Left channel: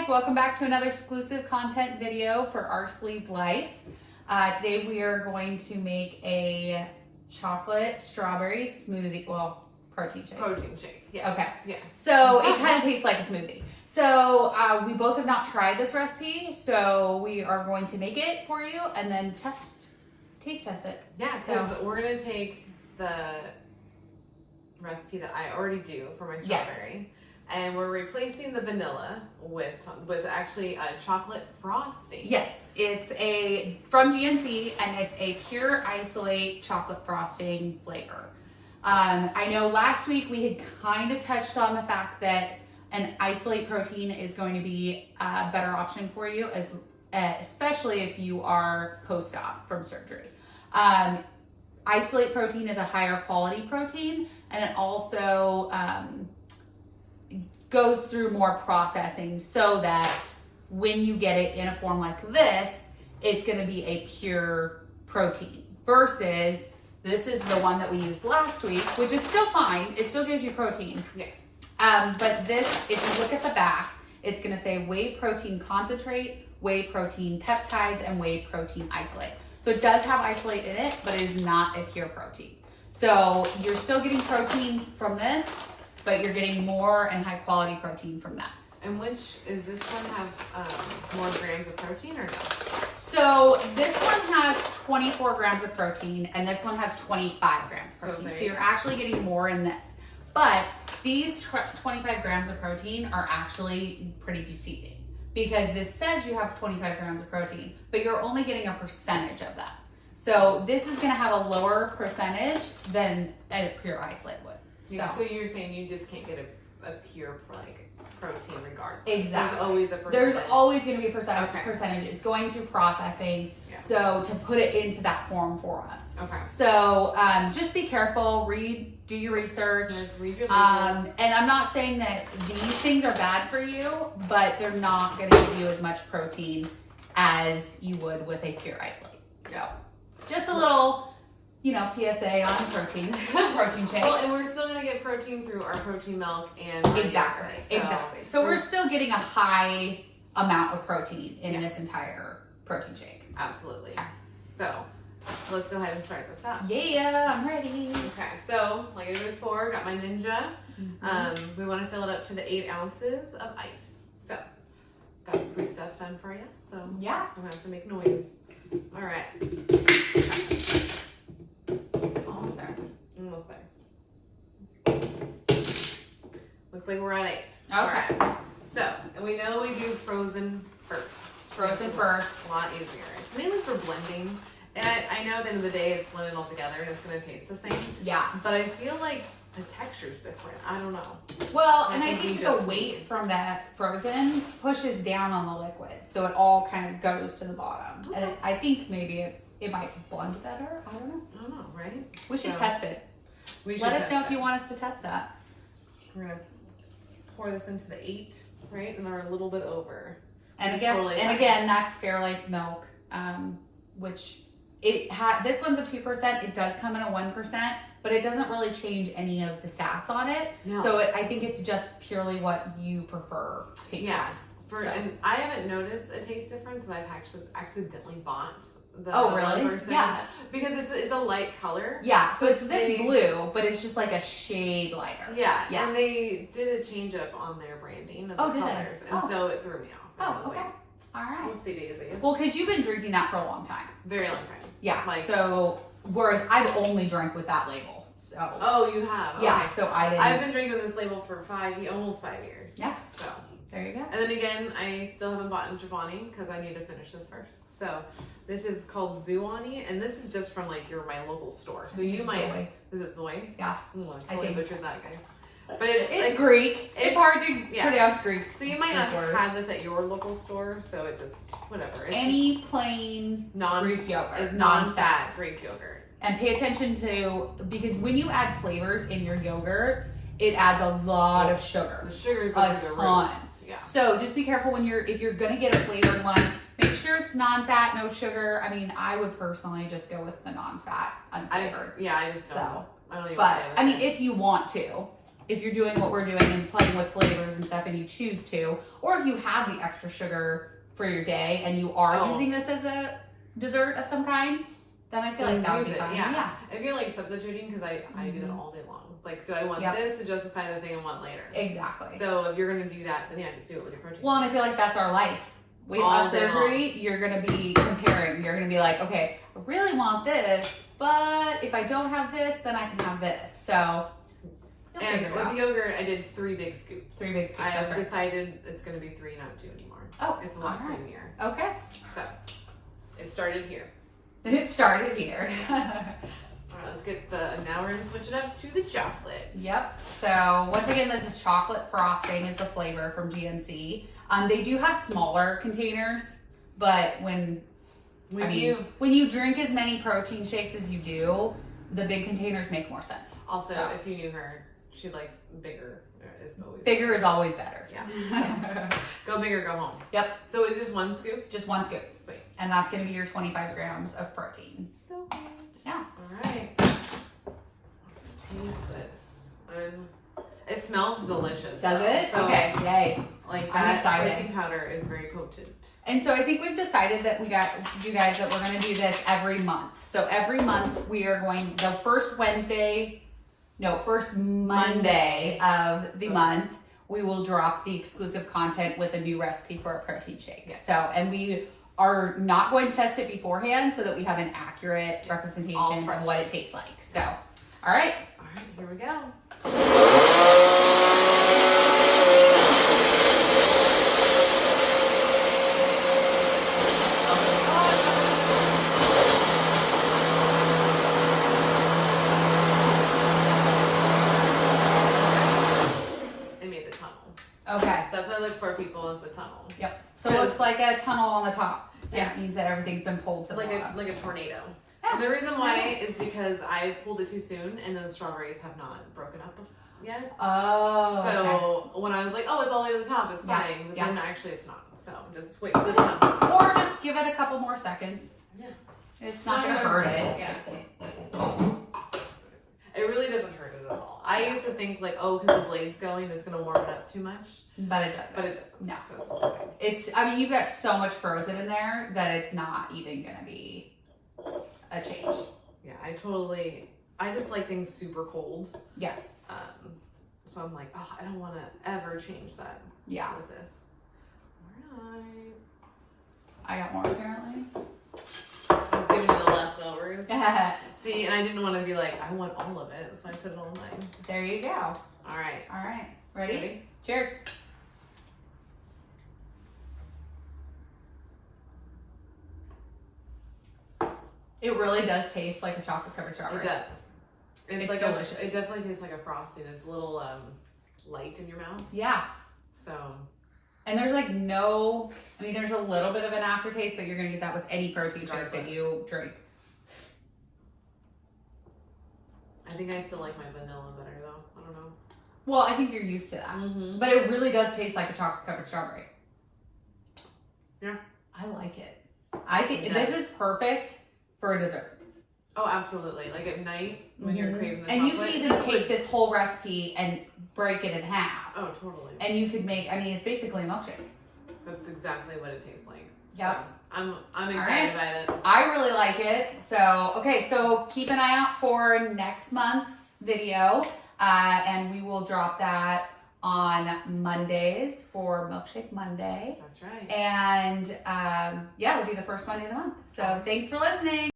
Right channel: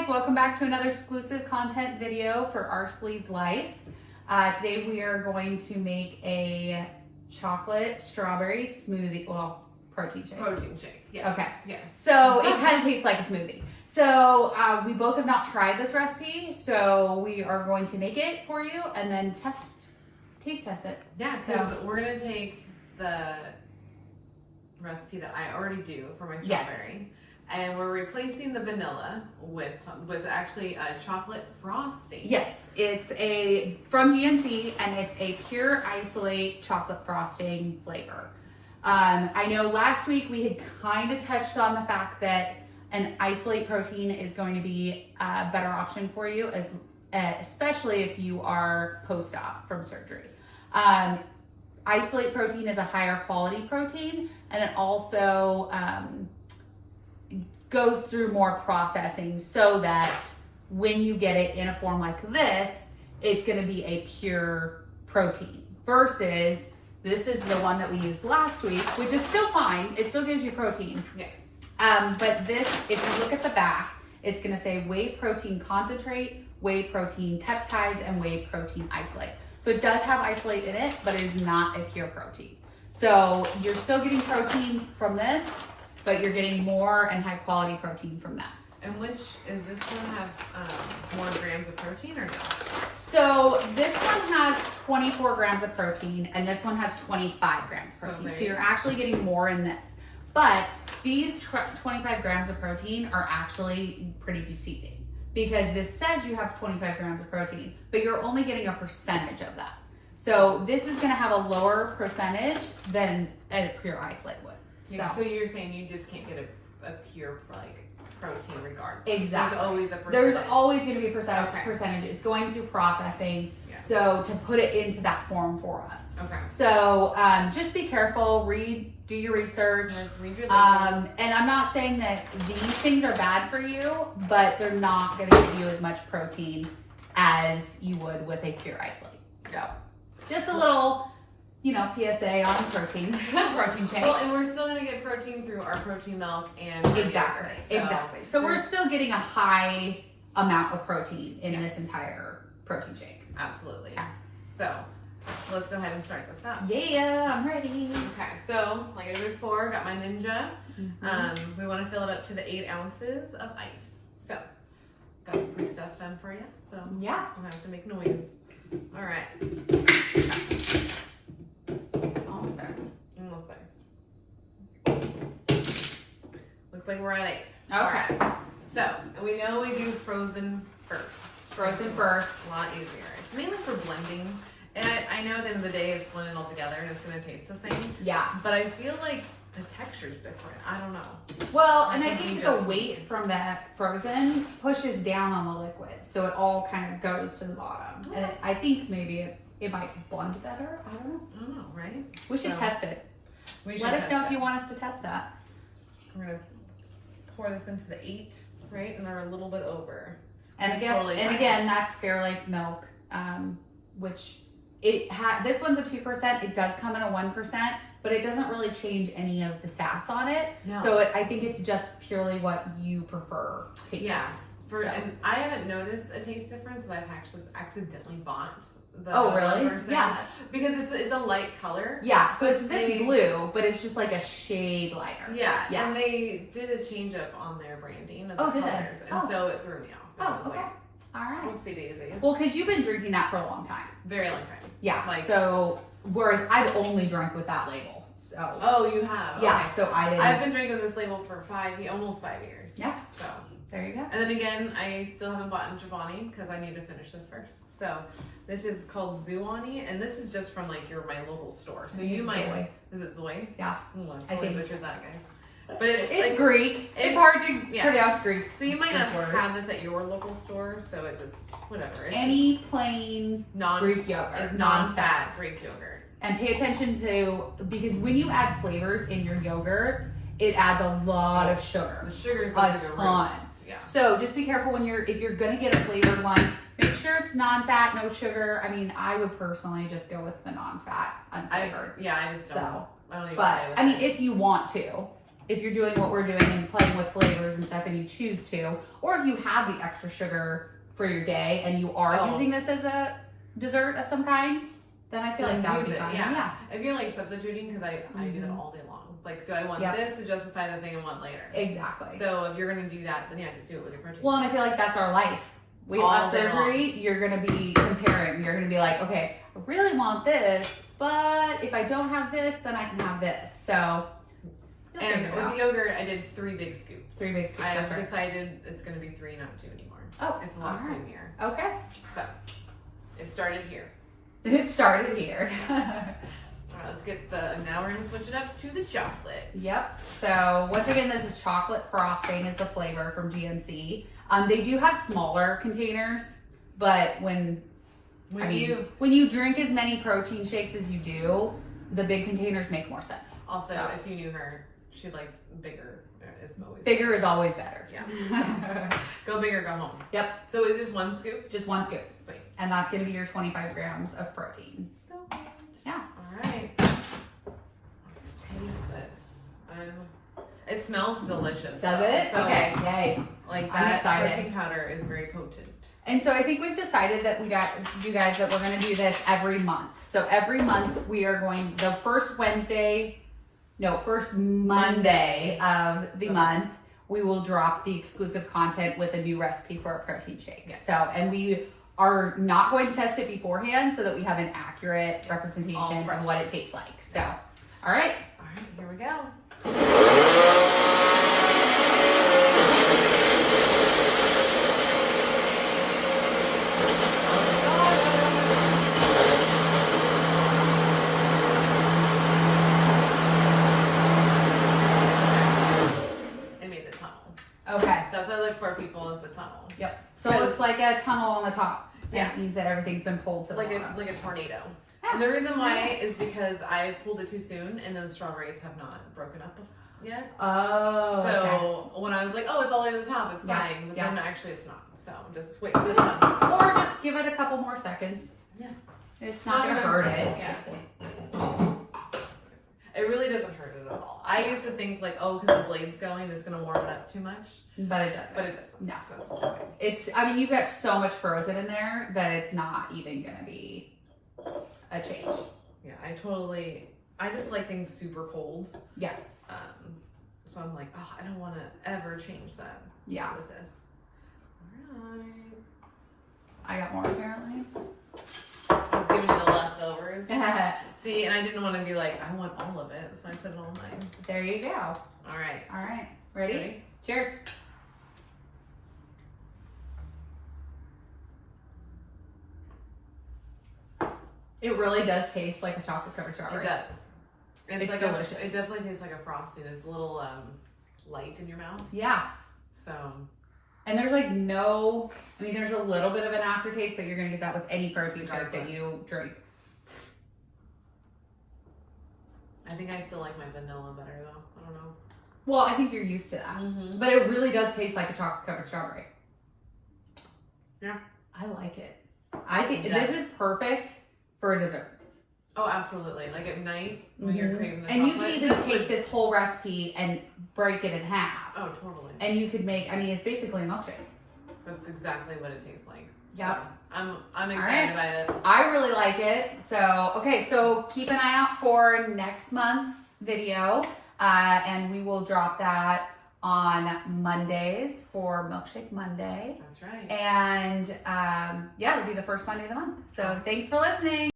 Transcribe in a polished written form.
guys, welcome back to another exclusive content video for Our Sleeved Life. Today we are going to make a chocolate strawberry smoothie, well, protein shake. Protein shake, yeah. Okay. Yeah. So it kind of tastes like a smoothie. So we both have not tried this recipe, so we are going to make it for you and then taste test it. Yeah, because we're going to take the recipe that I already do for my strawberry. And we're replacing the vanilla with actually a chocolate frosting. Yes, it's from GNC, and it's a pure isolate chocolate frosting flavor. I know last week we had kind of touched on the fact that an isolate protein is going to be a better option for you, especially if you are post-op from surgery. Isolate protein is a higher quality protein, and it also goes through more processing so that when you get it in a form like this, it's going to be a pure protein versus this is the one that we used last week, which is still fine. It still gives you protein. Yes. But this, if you look at the back, it's going to say whey protein concentrate, whey protein peptides, and whey protein isolate. So it does have isolate in it, but it is not a pure protein. So you're still getting protein from this, but you're getting more and high quality protein from that. And does this one have more grams of protein or no? So this one has 24 grams of protein and this one has 25 grams of protein. So you're actually getting more in this. But these 25 grams of protein are actually pretty deceiving because this says you have 25 grams of protein, but you're only getting a percentage of that. So this is gonna have a lower percentage than a pure isolate would. So you're saying you just can't get a pure protein regardless. Exactly. There's always a percentage. There's always going to be a percentage. It's going through processing. Yeah. So to put it into that form for us. Okay. So just be careful. Do your research. Read your labels. And I'm not saying that these things are bad for you, but they're not going to give you as much protein as you would with a pure isolate. So just a little, PSA on protein shakes. Well, and we're still going to get protein through our protein milk and exactly. So we're still getting a high amount of protein in this entire protein shake. Absolutely. Okay. So let's go ahead and start this up. Yeah, I'm ready. Okay, so like I did before, got my Ninja. We want to fill it up to the 8 ounces of ice. So got the pre-stuff done for you. So yeah, I'm gonna have to make noise. All right. Almost there. Looks like we're at 8. Okay. All right. So, and we know we do frozen first. Frozen first. A lot easier. It's mainly for blending. And I know at the end of the day it's blended all together and it's going to taste the same. Yeah. But I feel like the texture's different. I don't know. Well, and I think the weight from that frozen pushes down on the liquid. So it all kind of goes to the bottom. Okay. And I think maybe it might blend better. I don't know, right? We should test it. Let us know if you want us to test that. We're going to pour this into the 8, right? And we're a little bit over. And again, that's Fairlife milk, which this one's a 2%. It does come in a 1%, but it doesn't really change any of the stats on it. No. So I think it's just purely what you prefer taste wise. And I haven't noticed a taste difference, but I've actually accidentally bought the really? Yeah. Because it's a light color. Yeah, so it's this blue, but it's just like a shade lighter. Yeah. And they did a change up on their branding of the colors. And so it threw me off. Okay. All right. Whoopsie daisy. Well, because you've been drinking that for a long time. Very long time. Yeah. Whereas I've only drank with that label. So. Oh, you have? Yeah. Okay. So I didn't. I've been drinking this label for almost 5 years. Yeah. So. There you go. And then again, I still haven't bought Giovanni because I need to finish this first. So this is called Zuani, and this is just from my local store. So you might. Zoe. Is it Zoe? Yeah. I think butchered that, guys. But it's Greek. It's hard to pronounce Greek. So you might not have this at your local store, so it just, whatever. Any plain Greek yogurt. Is non-fat Greek yogurt. And pay attention because when you add flavors in your yogurt, it adds a lot of sugar. The sugar is a ton. Yeah. So just be careful if you're gonna get a flavored one, make sure it's non-fat, no sugar. I mean, I would personally just go with the non-fat unflavored. I just don't. I don't even if you want to, if you're doing what we're doing and playing with flavors and stuff and you choose to, or if you have the extra sugar for your day and you are using this as a dessert of some kind, then I feel like that would be fun. Yeah. If you're like substituting, because I do that all day long. Like, do I want this to justify the thing I want later? Exactly. So if you're gonna do that, then just do it with your protein. Well, and I feel like that's our life. We have surgery, you're gonna be comparing. You're gonna be like, okay, I really want this, but if I don't have this, then I can have this. So, and with the yogurt, I did 3 big scoops. 3 big scoops. I've decided it's gonna be 3, not 2 anymore. Oh, it's a lot creamier. Okay. So, it started here. It started here. All right, let's get now we're gonna switch it up to the chocolate. Yep. So once again, this is chocolate frosting is the flavor from GNC. They do have smaller containers, but when you drink as many protein shakes as you do, the big containers make more sense. Also, if you knew her, she likes bigger. Bigger is always better. Yeah. So, go big or go home. Yep. So it's just 1 scoop? Just 1 scoop. Sweet. And that's going to be your 25 grams of protein. So good. Yeah. All right. Let's taste this. It smells delicious. Does it? So, okay. Yay. Like I'm that excited. protein powder is very potent. And so I think we've decided that you guys that we're going to do this every month. So every month we are going the first Monday of the month, we will drop the exclusive content with a new recipe for a protein shake. Yes. So, and we are not going to test it beforehand so that we have an accurate representation of what it tastes like. So, all right. All right, here we go. Okay. That's what I look for, people, is the tunnel. Yep. So it looks like a tunnel on the top. Yeah. It means that everything's been pulled to the bottom. Like a tornado. And the reason why is because I pulled it too soon and then the strawberries have not broken up yet. Oh. So when I was like, oh, it's all the way to the top, it's fine. But then actually it's not. So just wait for the tunnel. Or just give it a couple more seconds. Yeah. It's not going to hurt it. Yeah. It really doesn't hurt it at all. I used to think like, oh, because the blade's going, it's going to warm it up too much. But it doesn't. But it doesn't. No. So it's, I mean, you've got so much frozen in there that it's not even going to be a change. Yeah, I just like things super cold. Yes. So I'm like, oh, I don't want to ever change that. Yeah. With this. All right. I got more apparently. I was giving you the leftovers. See, and I didn't want to be like, I want all of it, so I put it all in mine. There you go. All right. All right. Ready? Cheers. It really does taste like a chocolate covered strawberry. It does. It's like delicious. It definitely tastes like a frosting. It's a little light in your mouth. Yeah. So. And there's like no, I mean, there's a little bit of an aftertaste, but you're going to get that with any protein shake that you drink. I think I still like my vanilla better though. I don't know. Well, I think you're used to that. Mm-hmm. But it really does taste like a chocolate covered strawberry. Yeah. I like it. I think this is perfect for a dessert. Oh, absolutely. Like at night when you're craving the and chocolate. you could even take this whole recipe and break it in half. Oh, totally. And you could make, I mean, it's basically a milkshake. That's exactly what it tastes like. Yep. So I'm excited about it. I really like it. So, okay, so keep an eye out for next month's video. And we will drop that on Mondays for Milkshake Monday. That's right. And yeah, it'll be the first Monday of the month. So thanks for listening.